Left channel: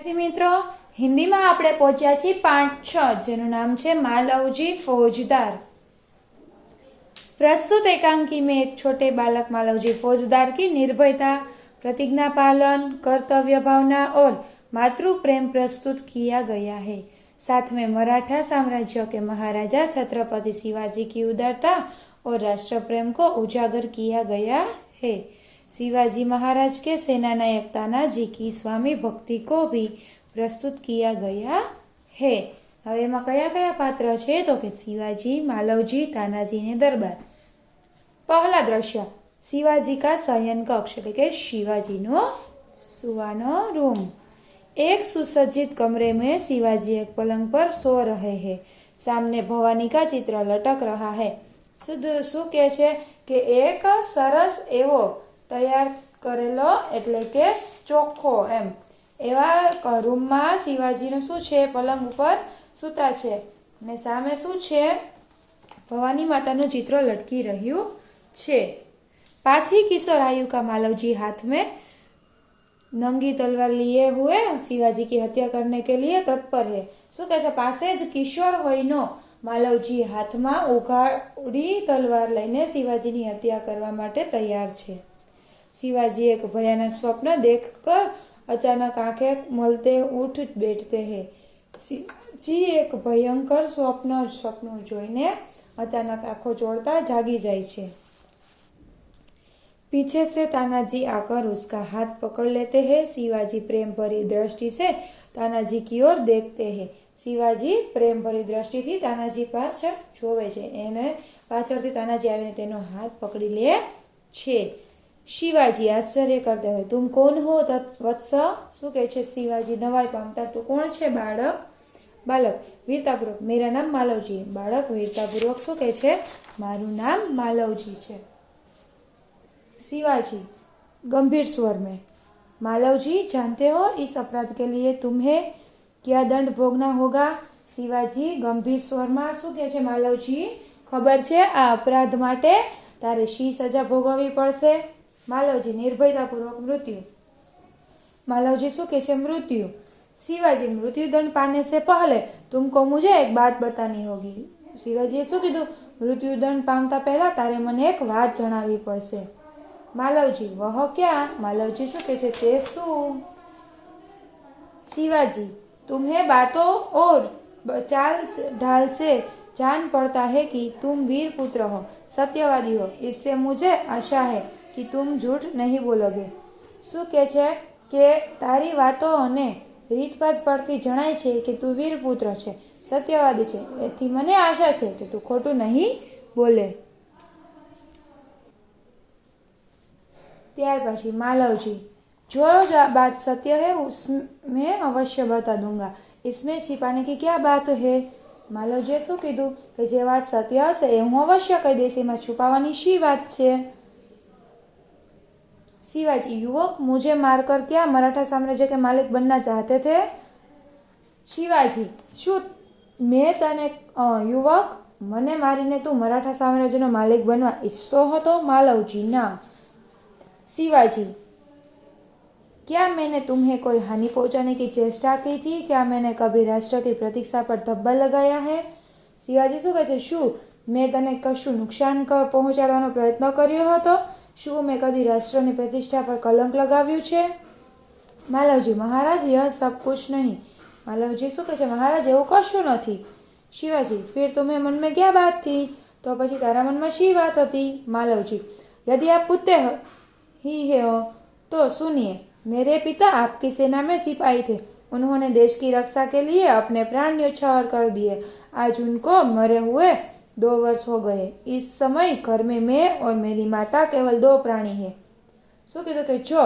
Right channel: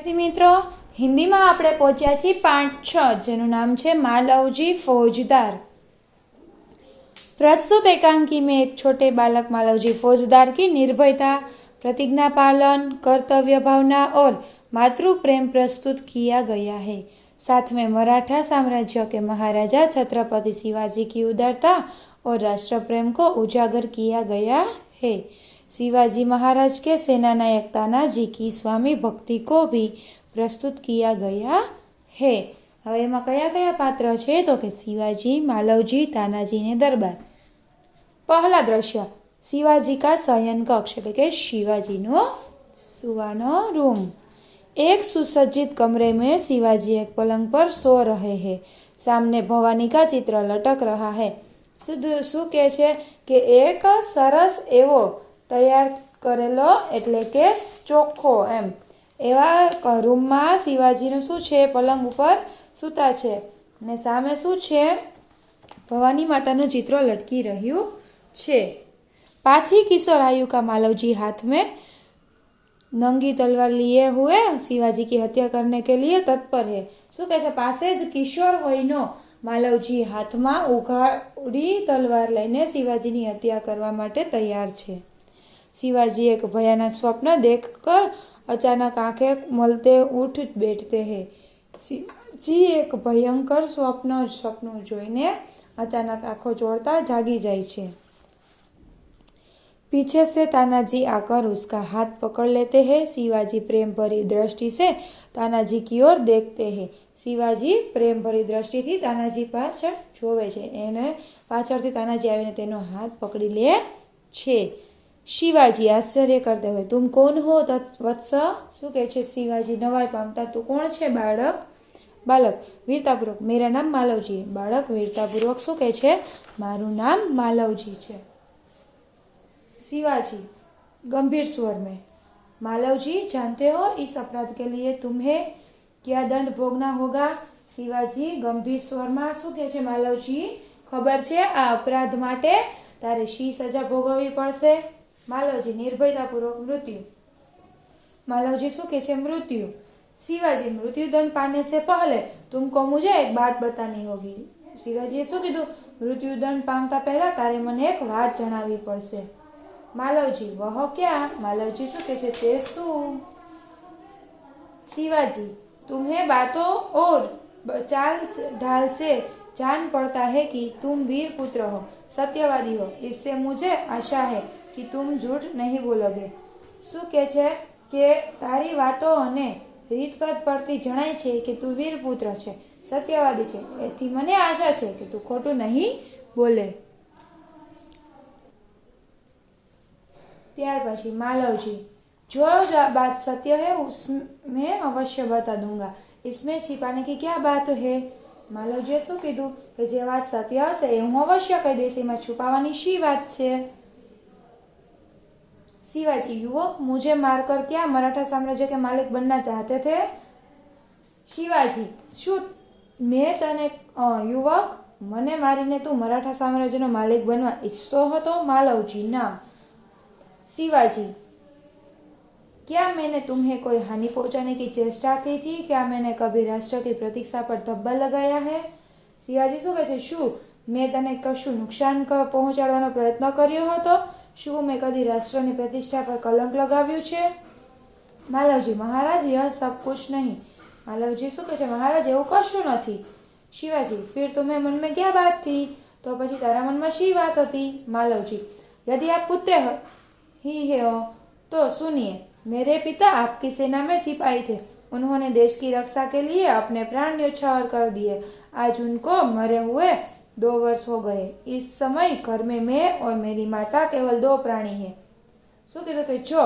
મિત્રો, હિન્દીમાં આપણે પહોંચ્યા છીએ પાઠ 6, જેનું નામ છે मालवजी फौजदार। प्रस्तुत एकांकी में एक छोटे बालक मालवजी फौजदार की निर्भयता, प्रतिज्ञा पालन, कर्तव्य भावना और मातृ प्रेम प्रस्तुत किया गया है। साथ में मराठा साम्राज्य के महाराजा छत्रपति शिवाजी की उदारता और राष्ट्र प्रेम को उजागर किया गया है। शिवाजी महाराज के सेनानायक तानाजी की स्वामी भक्ति को भी प्रस्तुत किया गया है। હવે એમાં કયા કયા પાત્ર છે તો કે શિવાજી, માલવજી, તાનાજી ને દરબાર। પહેલા દ્રશ્ય शिवाजी का शयन कक्ष એટલે કે શિવાજીનો સુવાનો રૂમ। एक सुसज्जित कमरे में शिवाजी एक पलंग पर सो रहे हैं। सामने भवानी का चित्र लटक रहा है। શું કહે છે કે એક સરસ એવો તૈયાર કરેલો એટલે કે ચોખ્ખો એમ એવા રૂમમાં શિવાજીનું શું છે, પલંગ ઉપર સૂતા છે અને સામે શું છે, ભવાની માતાનું ચિત્ર લટકી રહ્યું છે। पास ही किशोर आयु का मालवजी हाथ में नंगी तलवार लिए हुए शिवाजी की हत्या करने के लिए तत्पर है। શું કહે છે, પાસે જ કિશોર વયનો માલવજી હાથમાં ઉઘાડી તલવાર લઈને શિવાજીની હત્યા કરવા માટે તૈયાર છે। शिवाजी एक भयानक स्वप्न देखकर अचानक आंखें मलते उठ बैठते हैं। जी एक भयंकर सपનું જોઈને अचानक आंखों जोड़ता जागी जाए छे। पीछे से तानाजी आकर उसका हाथ पकड़ लेते हैं। शिवाजी प्रेम भरी दृष्टि से तानाजी की ओर देखते हैं। शिवाजी प्रेम भरी दृष्टि थी तानाजी पाछळ જોવે છે, એને પાછળથી તાનાજી આવીને તેનો હાથ પકડી લે છે। शिवाजी आश्चर्य करते हुए, तुम कौन हो वत्स? શું કહે છે શિવાજી નવાઈ પામતા, તું કોણ છે બાળક? વીરતાપૂર્વક, मेरा नाम मालवजी। बालक वीरतापूर्वक શું કહે છે, મારું નામ માલવજી છે। शिवाजी गंभीर स्वर में, मालवजी जानते हो इस अपराध के लिए तुम्हें क्या दंड भोगना होगा? शिवाजी गंभीर स्वर में શું કહે છે, માલવજી ખબર છે આ અપરાધ માટે તારે શી સજા ભોગવવી પડશે? मालवजी निर्भयतापूर्वक, मृत्यु। मालवजी શું કહે છે, मृत्यु। शिवाजी मृत्यु दंड पाने से पहले तुमको मुझे एक बात बतानी होगी। शिवाजी શું કીધું, मृत्यु दंड पामता पहला तारे मने एक बात जणावी पड़શે। मालवजी वह क्या? मालवजी શું કહે છે, તે શું? शिवाजी तुम्हें बातों और चाल ढाल से जान पड़ता है कि तुम वीर पुत्र हो, सत्यवादी हो। इससे मुझे आशा है कि तुम झूठ नहीं बोलोगे। શું કહે છે કે તારી વાતો અને રીતભાત પરથી જણાય છે કે તું વીર પુત્ર છે, સત્યવાદી છે, એથી મને આશા છે કે તું ખોટું નહીં બોલે। ત્યાર પછી मालवजी, जो बात सत्य है उसमें अवश्य बता दूंगा, इसमें छिपाने की क्या बात है? मालवजीએ શું કીધું કે જે વાત સત્ય હશે એ હું અવશ્ય કહી દઈશ, એમાં છુપાવવાની શી વાત છે? शिवाजी युवक, मुझे मारकर क्या मराठा साम्राज्य के मालिक बनना चाहते थे? शिवाजी शू मैं तने युवक मने मारीने तू मराठा साम्राज्यनो मालिक बनवा इच्छतो हतो? मालवजी ना। शिवाजी क्या मैंने तुम्हें कोई हानि पहुंचाने की चेष्टा की थी? क्या मैंने कभी राष्ट्र की प्रतीक्षा पर धब्बा लगाया है? शिवाजी શું કહે છે, શું મેં તને કશું નુકસાન પહોંચાડવાનો પ્રયત્ન કર્યો હતો? શું મેં કદી રાષ્ટ્રની પ્રતિષ્ઠા પર કલંક લગાવ્યું છે? मालवजी महाराज यह सब कुछ नहीं। मालवजी શું કહે છે, महाराज એવું કશું નથી। शिवाजी फिर तुम्हें मन में क्या बात थी? तो પછી તારા મનમાં શી વાત હતી? मालवजी यदि आप पुत्र ही हो तो सुनिए, मेरे पिता आपकी सेना में सिपाही थे। उन्होंने देश की रक्षा के लिए अपने प्राण न्यौछावर कर दिए। आज उनको मरे हुए 2 वर्ष हो गए। इस समय घर में मैं और मेरी माता केवल 2 प्राणी है। શું કીધું કે જો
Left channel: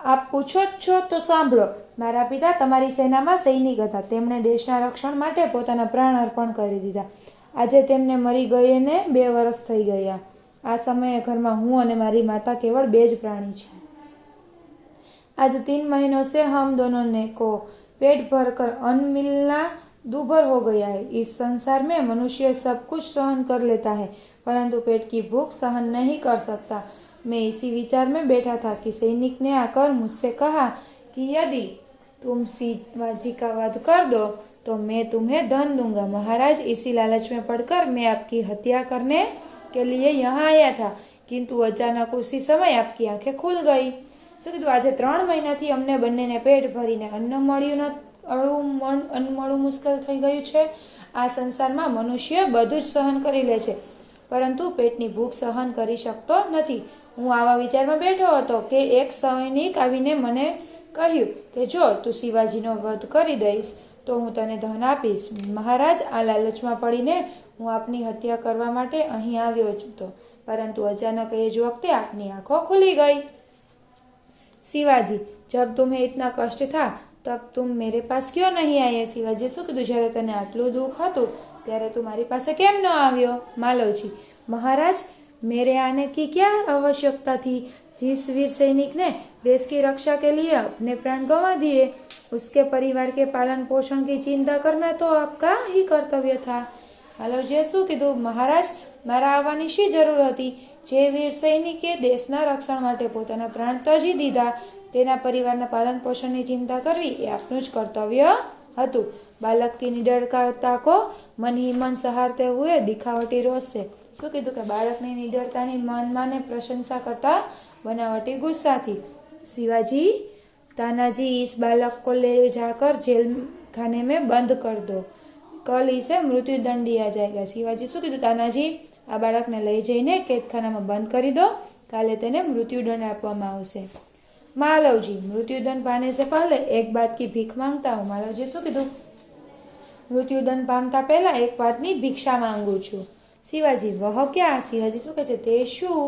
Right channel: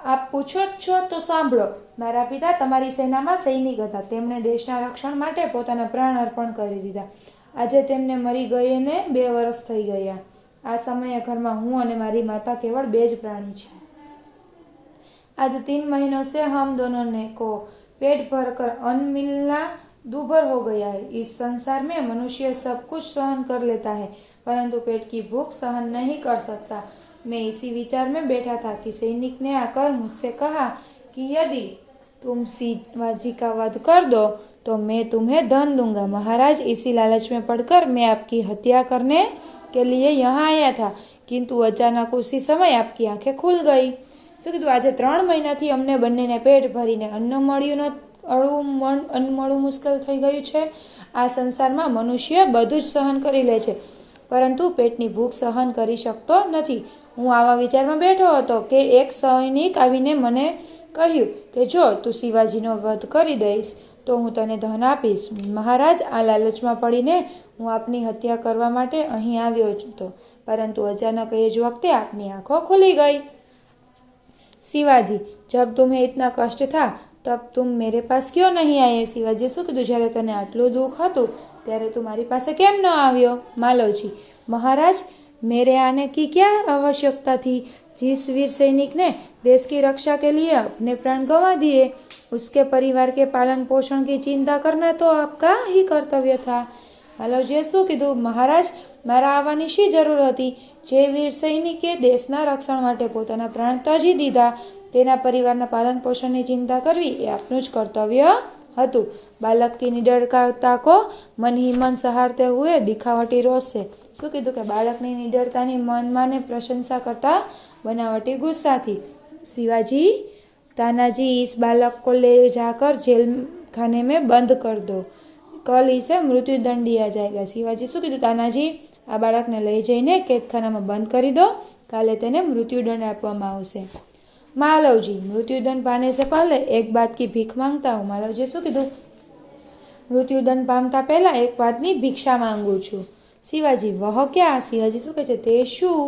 આપ પૂછો છો તો સાંભળો, મારા પિતા તમારી સેનામાં સૈનિક હતા, તેમણે દેશના રક્ષણ માટે પોતાના પ્રાણ અર્પણ કરી દીધા। આજે તેમને મરી ગયેને 2 વર્ષ થઈ ગયા। આ સમયે ઘરમાં હું અને મારી માતા કેવળ 2 જ પ્રાણી છે। आज 3 महीनों से हम दोनों ने को पेट भरकर अन्न मिलना दूभर हो गया है। इस संसार में मनुष्य सब कुछ सहन कर लेता है, परंतु पेट की भूख सहन नहीं कर सकता। मैं इसी विचार में बैठा था कि सैनिक ने आकर मुझसे कहा कि यदि तुम शिवाजी का वध कर दो तो मैं तुम्हें धन दूंगा। महाराज, इसी लालच में पड़कर मैं आपकी हत्या करने के लिए यहाँ आया था, किंतु अचानक उसी समय आपकी आंखें खुल गई। શું કીધું? આજે 3 મહિનાથી અમને બંનેને પેટ ભરીને અન્ન મળવું મુશ્કેલ થઈ ગયું છે. આ સંસારમાં મનુષ્ય બધું જ સહન કરી લે છે, પરંતુ પેટની ભૂખ સહન કરી શકતો નથી. હું આવા વિચારમાં બેઠો હતો કે એક સૈનિક આવીને મને કહ્યું કે જો તું શિવાજીનો વધ કરી દઈશ તો હું તને ધન આપીશ. મહારાજ, આ લાલચમાં પડીને હું આપની હત્યા કરવા માટે અહીં આવ્યો હતો, પરંતુ અચાનક એ જ વખતે આપની આંખો ખુલી ગઈ. शिवाजी, जब तुम्हें इतना कष्ट था तब तुम मेरे पास क्यों नहीं आए? शिवाजी શું કીધું? જ્યારે તને આટલું દુઃખ હતું ત્યારે તું મારી પાસે કેમ ન આવ્યો? मालवजी, महाराज, मेरे आने की क्या आवश्यकता थी? जिस वीर सैनिक ने देश की रक्षा के लिए अपने प्राण गंवा दिए, उसके परिवार के पालन पोषण की चिंता करना तो आपका ही कर्तव्य था. मालवजीએ શું કીધું? महाराज, મારા આવવાની શી જરૂર હતી? જે વીર સૈનિકે દેશના રક્ષણ માટે પોતાના પ્રાણ ત્યજી દીધા, તેના પરિવારના પાલન પોષણની ચિંતા કરવી એ આપનું જ કર્તવ્ય હતું. બાલક કી નિડરતા કો મન ही मन सहारते हुए दिखावटी रोष से. શું કીધું? કે બાળકની નિડરતાની મનમાંને પ્રશંસા કરતા બનાવટી ગુસ્સાથી. शिवाजी, तानाजी, इस बालक को ले जाकर जेल खाने में बंद कर दो, कल इसे मृत्यु दंड दिया जाएगा. शिवाजी શું કીધું? તાનાજી, આ બાળકને લઈ જઈને કેદખાનામાં બંધ કરી દો, કાલે તેને મૃત્યુદંડ આપવામાં આવશે. मालवजी, मृत्युदंड पाने से पहले एक बात की भीख मांगता हूँ. मालवजी શું કીધું? મૃત્યુદંડ પામતા પહેલા એક વાતની ભિક્ષા માંગુ છું. शिवाजी, वह क्या? शिवाजी શું કહે છે? તે શું?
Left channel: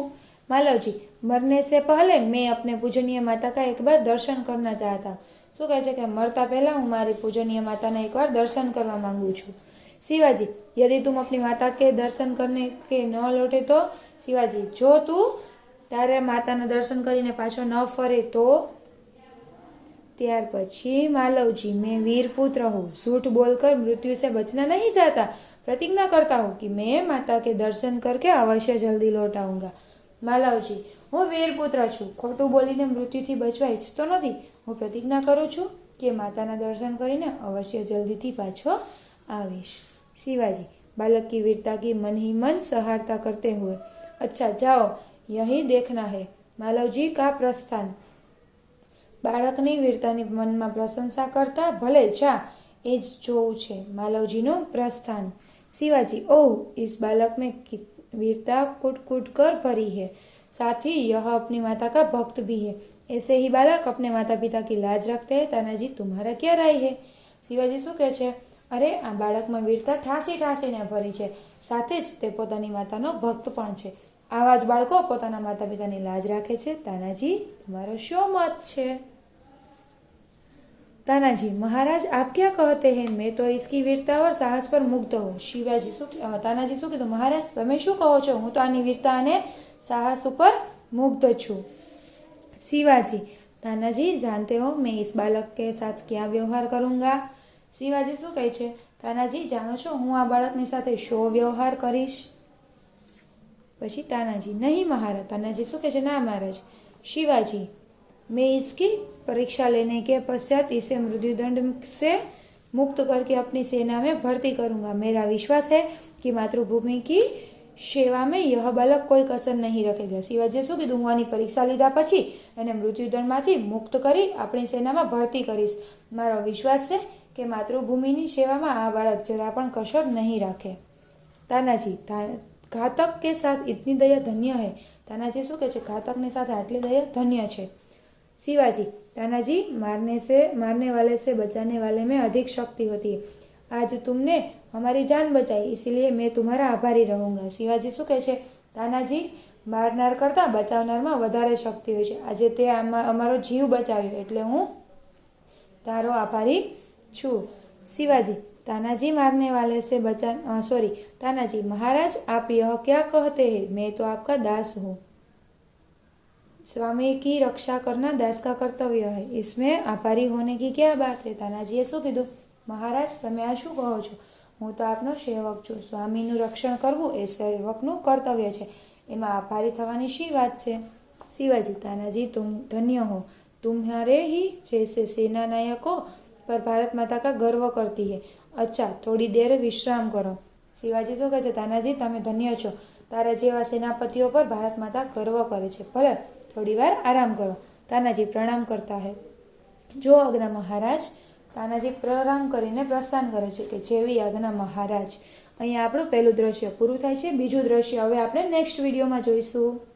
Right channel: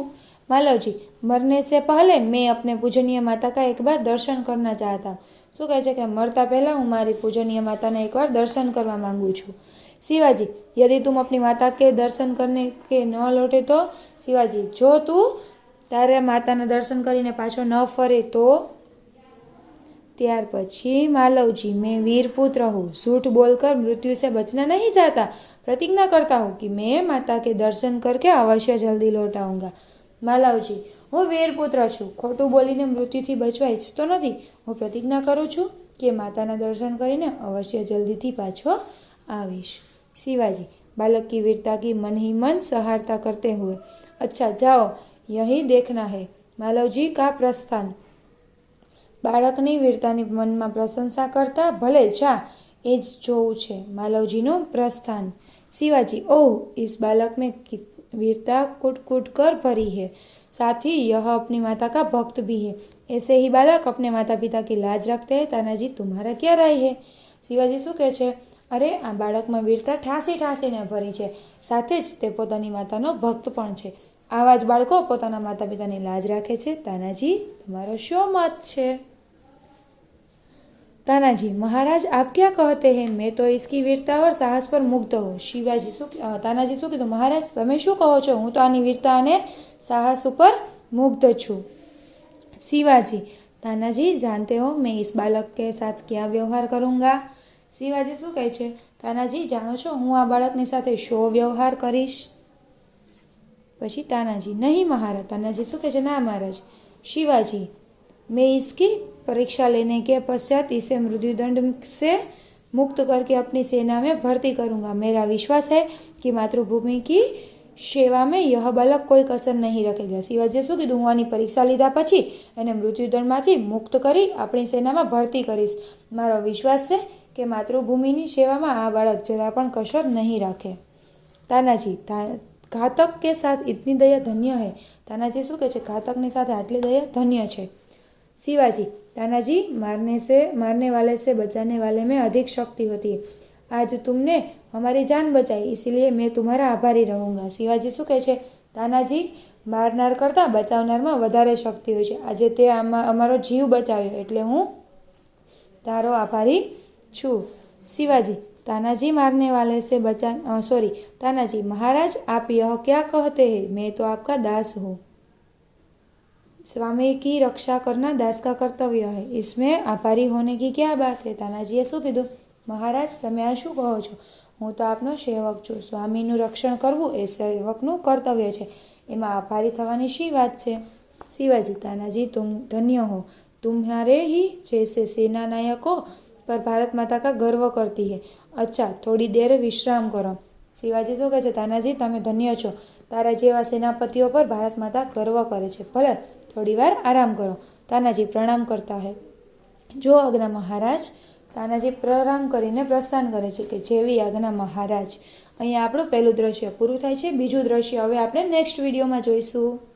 मालवजी, मरने से पहले मैं अपने पूजनीय माता का एक बार दर्शन करना चाहता हूँ. શું કહે છે? કે મરતા પહેલા હું મારી પૂજનીય માતાને એકવાર દર્શન કરવા માંગુ છું. शिवाजी, यदि तुम अपनी माता के दर्शन करने के न लौटे तो? शिवाजी, जो तू तारे माताने दर्शन કરીને પાછો ન ફરે તો? ત્યાર પછી मालवजी, मैं वीर पुत्र हूँ, झूठ बोलकर मृत्यु से बचना नहीं चाहता, प्रतिज्ञा करता हूँ कि मैं माता के दर्शन करके अवश्य जल्दी लौट आऊंगा. मालवजी, હું વીર પુત્ર છું, ખોટું બોલીને મૃત્યુથી બચવા ઈચ્છતો નથી. હું પ્રતિજ્ઞા કરું છું કે માતાના દર્શન કરીને અવશ્ય જલ્દીથી પાછો आविश. शिवाजी, बालक की वीरता की मन ही मन सहारता करते हुए, अच्छा जाओ, यही देखना है. मालवजी का प्रस्थान. બાળકની વીરતાની મનમાં પ્રશંસા કરતા ભલે જા, એ જ જોવું છે. માલવજીનું પ્રસ્થાન. शिवाजी, ओह, इस बालक में वीरता कूट कूट कर भरी है, साथ ही यह अपनी माता का भक्त भी है. ऐसे ही बालक अपने माता पिता की लाज रखते हैं. तानाजी, तुम्हारा क्या राय है? शिवाजी શું કહે છે? અરે, આ બાળકમાં વીરતા ઠાસી ઠાસીને ભરી છે, સાથે જ તે પોતાની માતાનો ભક્ત પણ છે. આવા જ બાળકો પોતાના માતા પિતાની લાજ રાખે છે. તાનાજી, તમારો શું મત છે? तानाजी, महाराज, आप क्या कहते हैं? मैं तो इसकी वीरता और साहस पर मुग्ध हूँ. शिवाजी तानाजी શું કીધું? महाराज, તમે શું કહો છો? હું તો આની વીરતા અને साहस ઉપર मुग्ध છું. शिवाजी, तानाजी, जानते हो मैं इस बालक के साथ क्या व्यवहार करूँगा? शिवाजी શું કહે છે? તાનાજી, જાણો છો હું આ બાળકની સાથે શો વ્યવહાર કરીશ? પછી તાનાજી, નહીં महाराज. તાનાજી શું કહે છે? ના महाराज. शिवाजी, मैं इसकी परीक्षा लेने के पश्चात इसे मृत्युदंड से मुक्त करके अपनी सेना में भर्ती करूंगा. मेरा विश्वास है कि मातृभूमि की सेवा में यह बालक कोई कसर नहीं रखेगा. शिवाजीએ શું કીધું? હું આની પરીક્ષા લીધા પછી એને મૃત્યુદંડમાંથી મુક્ત કરી આપણી સેનામાં ભરતી કરીશ. મારો વિશ્વાસ છે કે માતૃભૂમિની સેવામાં આ બાળક જરા પણ કસર નહીં રાખે. તાનાજી, घातक के साथ इतनी दया धन्य है. तानाजी શું કહે છે? ઘાતકની સાથે આટલી દયા ધન્ય છે. शिवाजी, तानाजी, मारने वाले से बचाने वाले में अधिक शक्ति होती है. आज तुमने हमारी जान बचाई, इसलिए मैं तुम्हारा आभारी रहूंगा. शिवाजी શું કહે છે? તાનાજી, મારનાર કરતાં બચાવનારમાં વધારે શક્તિ હોય છે. આજે તે અમારો જીવ બચાવ્યો એટલે હું તારો આભારી છું. शिवाजी, तानाजी, मारने वाले से तानाजी, महाराज, आप यह क्या कहते हैं? मैं तो आपका दास हूँ. स्वामी की रक्षा करना दास का कर्तव्य है, इसमें आभारी होने की क्या बात है? तानाजीએ શું કીધું? महाराज, તમે આ શું કહો છો? હું તો આપનો સેવક છું. સ્વામીનું રક્ષણ કરવું એ સેવકનું કર્તવ્ય છે, એમાં આભારી થવાની શી વાત છે? शिवाजी, तानाजी, तुम धन्य हो, तुम्हारे ही जैसे सेना नायकों पर भारत माता का गर्व करती है। अच्छा, थोड़ी देर विश्राम करो। શિવાજી શું કહે છે? તાનાજી, તમે ધન્ય છો, તારા જેવા સેનાપતિઓ પર ભારત માતા ગર્વ કરે છે, ભલે થોડી વાર આરામ કરો। તાનાજી પ્રણામ કરતા હે। જો આજ્ઞા મહારાજ। તાનાજી પ્રણામ કરીને પ્રસ્થાન કરે છે કે જેવી આજ્ઞા મહારાજ। અહીંયા આપણું પહેલું દ્રશ્ય પૂરું થાય છે। બીજું દ્રશ્ય હવે આપણે નેક્સ્ટ વિડીયોમાં જોઈશું।